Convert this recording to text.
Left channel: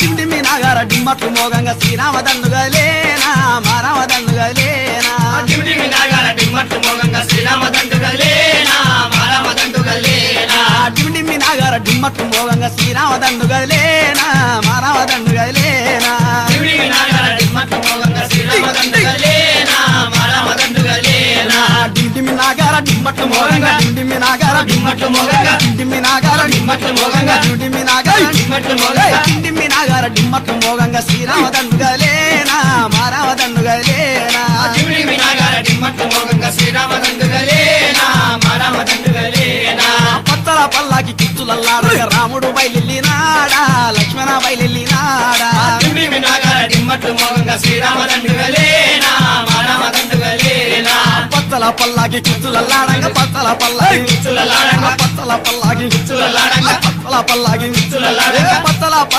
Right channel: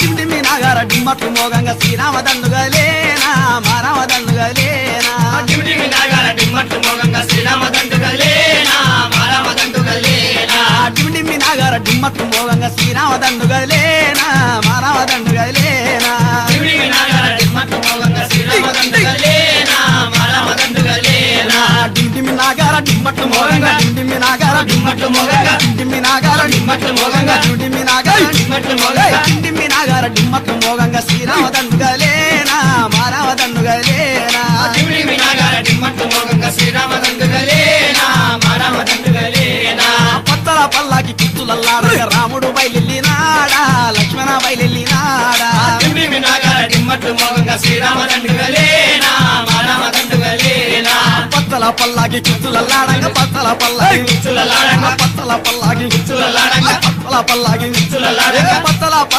డిండిమి నాగార డిమ్మట్టు మోగంగా Srirama దండుగలేనా మారామ దండుగలేనా డిండిమి నాగార డిమ్మట్టు మోగంగా Srirama దండుగలేనా మారామ దండుగలేనా డిండిమి నాగార డిమ్మట్టు మోగంగా Srirama దండుగలేనా మారామ దండుగలేనా డిండిమి నాగార డిమ్మట్టు మోగంగా Srirama దండుగలేనా మారామ దండుగలేనా డిండిమి నాగార డిమ్మట్టు మోగంగా డిండిమి నాగార డిమ్మట్టు మోగంగా డిండిమి నాగార డిమ్మట్టు మోగంగా డిండిమి నాగార డిమ్మట్టు మోగంగా డిండిమి నాగార డిమ్మట్టు మోగంగా Srirama దండుగలేనా మారామ దండుగలేనా డిండిమి నాగార డిమ్మట్టు మోగంగా Srirama దండుగలేనా మారామ దండుగలేనా పత్తల పల్లాకి చిత్తులల్లాడగా Ramudu బయలునాడా Lakshmana బయలునాడా డిండిమి నాగార డిమ్మట్టు మోగంగా Srirama దండుగలేనా మారామ దండుగలేనా పత్తల పల్లాకి చిత్తులల్లాడంగా పత్తల పల్లాకి చిత్తులల్లాడంగా పత్తల పల్లాకి చిత్తులల్లాడంగా పత్తల పల్లాకి చిత్తులల్లాడంగా పత్తల